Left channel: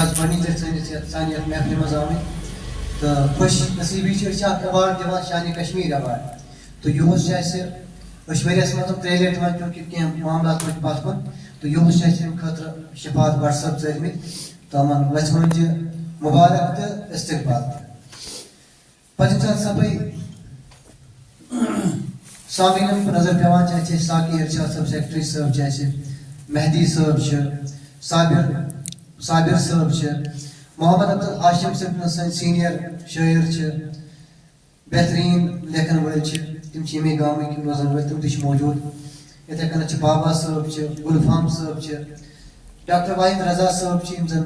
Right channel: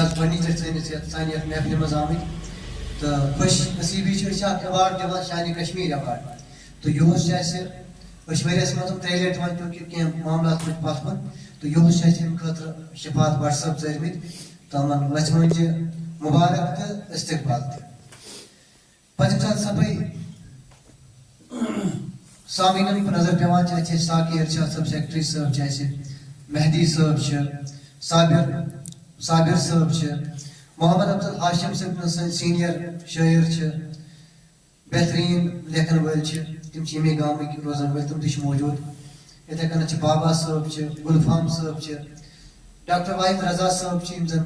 گۄڈنِچ سانہِ یَتھ محفلہِ منٛز آمٕتۍ تہٕ خوش نصیٖبی چھِ أسۍ اکھ ایوارڈ دِوان شانہِ کشمیٖر ایوارڈ تہٕ یِہُس چھِ اَسہِ أسۍ ؤریَس منٛز 3 لَٹہِ وۄنۍ چوٗنٛکہِ کینٛہہ معاملات روٗدۍ پَتھ کُن تہٕ یِہُس چھِ اَسہِ اَمہِ خٲطرٕ شفاعت بٹ صٲب ژٲرمٕتۍ تہٕ یِمن وَژھِ مٕنٛجہِ مُبارک تہٕ استقبال تہِ پَتہٕ ییٚمہِ ساتہٕ صفٲیی سامعیٖنَن کُن نظر پیٚوان چھِ اَسہِ ساقی ارشاد صٲب سیکرٹری صٲب چھِ اَسہِ مہدی صٲب چھِ صابر صٲب چھِ محمد عبدل ہاشم صٲب سٲنۍ سیٖنیر شٲعر چھِ بہتریٖن لیکھن وٲلۍ چھِ تِم چھِ ییٚمے گامٕکۍ روزن وٲلۍ تِم تہِ چھِ موٗجوٗد یِتھٕے کٔنۍ چھِ بابا صٲب چھِ گُلفام صٲب چھِ ڈاکٹر واحد رضا صٲب چھِ یِم زن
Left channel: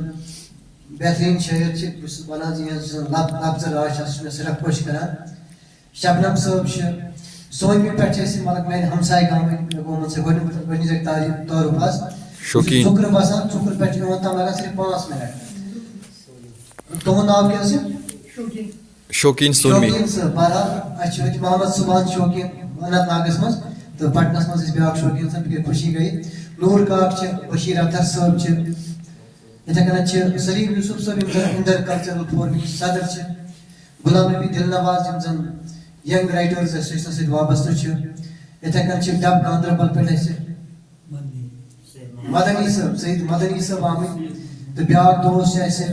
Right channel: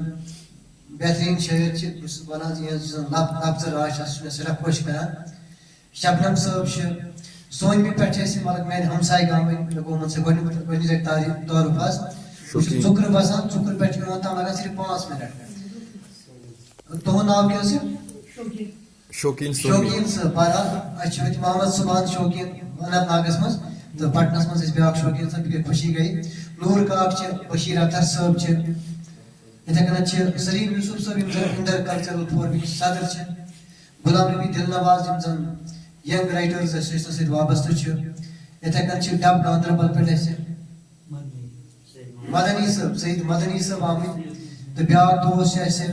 بہتریٖن شٲعر چھِ بہٕ چھُس ونان زِ یِہٕنٛز یُس زن لفظ راج چھِ سُہ چھُ مےٚ سٮ۪ٹھاہ خۄش کران شبنم صٲب چھِ سونمہِ پٮ۪ٹھ چھِ أسۍ مطلب میانہِ ہمساے گامٕکۍ مےٚ گوٚو یِمن سۭتۍ گۄڈنِچ لٹہِ تعارُف حظ ژُکرٕ بسان ژُکرٕ پٮ۪ٹھ چھِ یِوان تام لگان صرف 5 مِنٹ تُہُنٛد ناو کیٛاہ حظ چھُ شوقیٖن صٲب بہرحال اَسہِ چھُ ییٚتہِ محمد صُبحان شوقیٖن اننت ناگس منٛز تہٕ پٹنس منٛز ٲسۍ بیاکھ شوقیٖن صٲب مےٚ گٔے خوشی گٔے نوٗر کاک چھِ بشیٖر اختر صٲب چھِ یِتھٕے کٔنۍ چھِ سلیٖم یوٗسف صٲب یِم زن اِندر کلچرل فورمٕکۍ صدر چھِ غلام نبی دِل نواز یِم زن ینگ رایٹٲرٕز ایسوسیشن سۭتۍ وابستہٕ چھِ یِتھٕے کٔنۍ چھِ ڈب گاندربل پٮ۪ٹھ اَسہِ مدنی صٲب سعید مدنی صٲب آمٕتۍ تہٕ بیاکھ دوست چھِ اَسہِ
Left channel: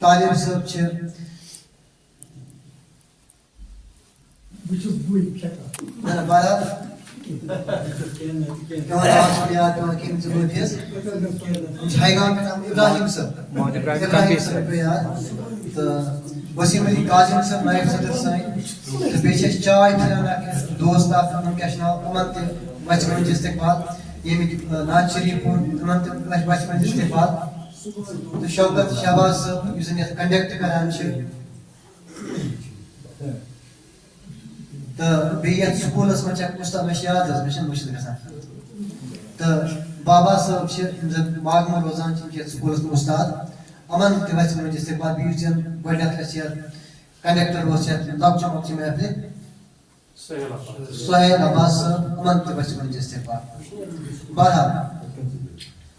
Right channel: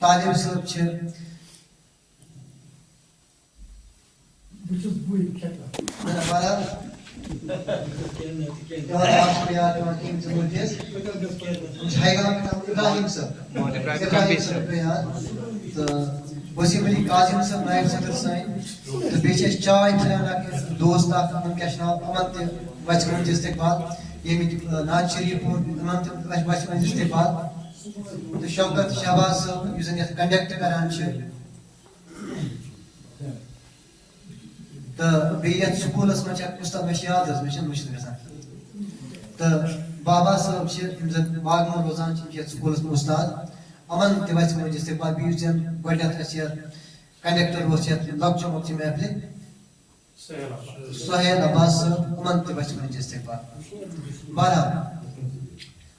طالب صٲب چھِ بہرحال پیٚوان ناو چھُ یاد پیٚوان کینٛہہ ضروٗری حظ یِم چھِ ہایگام پٮ۪ٹھ ابراہیم صٲب پیٚو یاد تہٕ وسیٖم علی قاظم صٲب نایب صدر سٲنۍ تہٕ بیٚیہِ چھِ أسۍ چاے پھِران اکھ دوست اکھ یِمن کیٛاہ چھُ ناو یِمن تہِ وَژھِ مٕنٛجہِ استقبال ییٚمِکۍ ناد شریٖف یِمن تہِ وَژھِ مٕنٛجہِ استقبال تہٕ شوکت شہباز صٲب یُس زن یتھ کنڈکٹ کران چھِ تہٕ بیٚیہِ یتھ سکوٗلس منٛز چھِ اکھ اُستاد مےٚ چھِ یاد حظ مےٚ چھُنہٕ مٔشِد گژھان تہٕ بابا صٲب چھِ یِم زن ماگمہٕ روزان چھِ یِم چھِ یتھ سکوٗلس منٛز اُستاد یِمن تہِ وَژھِ مٕنٛجہِ استقبال بیٚیہِ یُس زن گۄڈٕنیتھ اَسہِ یتھ کنڈکٹر اوس یتھ لۄکچہِ مۄکچہِ محفلہِ سہیل عباس صٲب یِمن تہِ وَژھِ مٕنٛجہِ استقبال بہرحال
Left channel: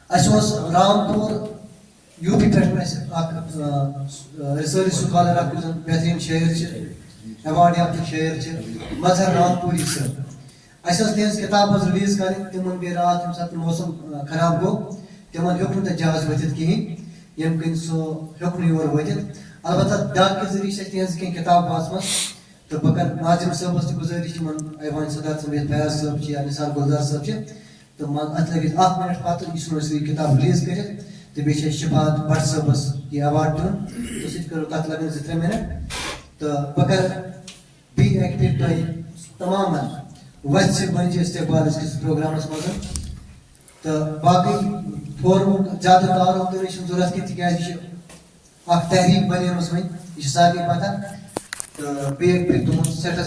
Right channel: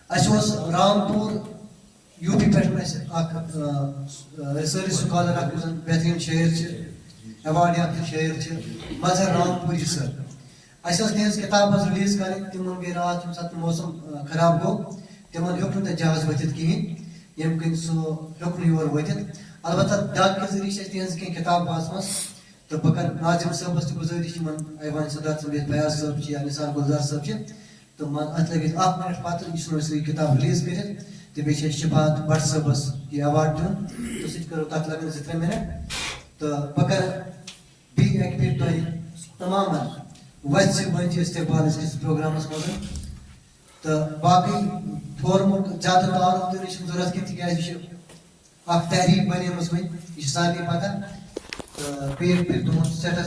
اَسہِ اوس رامپور یوٗ پی پٮ۪ٹھ اَسہِ اکھ رِسٲرٕچ سکالر اکھ یُس زن بہتریٖن شٲعر چھِ ایوارڈ یافتہٕ شٲعر چھِ مظہر رامپوری صٲب اَسہِ ٲس تِہنٛز کِتاب حظ رِلیٖز کَرٕنۍ تِمن گٔے راتھ ییٚمہِ ساتہٕ موسم خراب گوٚو تِمن ہیوٚک نہٕ تَتہِ جہاز وٲتِتھ کِہینۍ ییٚمہِ کِنۍ سُہ ہیوٚک نہٕ یور وٲتِتھ البتہ ڈاک کہِ ذٔریعہٕ چھِ اَسہِ تِہنٛز کینٛہہ کِتاب واتمژٕ تہٕ بہٕ کرٕ ناظِم صٲبس تہِ گُزٲرِش یِمن ایوان صدر صٲب یتھ فیاض صٲب چھِ یا نثار گُلزار صٲب چھِ تہٕ اَتھ لگہِ اَسہِ 1 مِنٹ پتہٕ یہِ ژھٕنو أسۍ یہِ کِتاب رِلیٖز کٔرِتھ تہٕ بیٚیہِ چھِ اَسہِ شفاعت بٹ صٲبس یہِ ایوارڈ دیُن تہٕ سُہ تہِ کرو تتھ لگن 2-3 مِنٹ تہٕ بہٕ کرٕ بیٚیہِ اکہِ پھِرِ تۄہہِ تمامن وَژھِ مٕنٛجہِ استقبال أزکِس پروگرامس منٛز تہٕ باقٕے فورمُک زیادٕ تعارُف دِنٕچ چھنہٕ ضروٗرت کینٛہہ تِکیازِ یہِ چھِ اکھ تحریٖک بنیمٕژ وۄنۍ یہِ چھِ سارنٕے پتہ تہٕ بیٚیہِ اکہِ پھِرِ تُہُنٛد سٮ۪ٹھاہ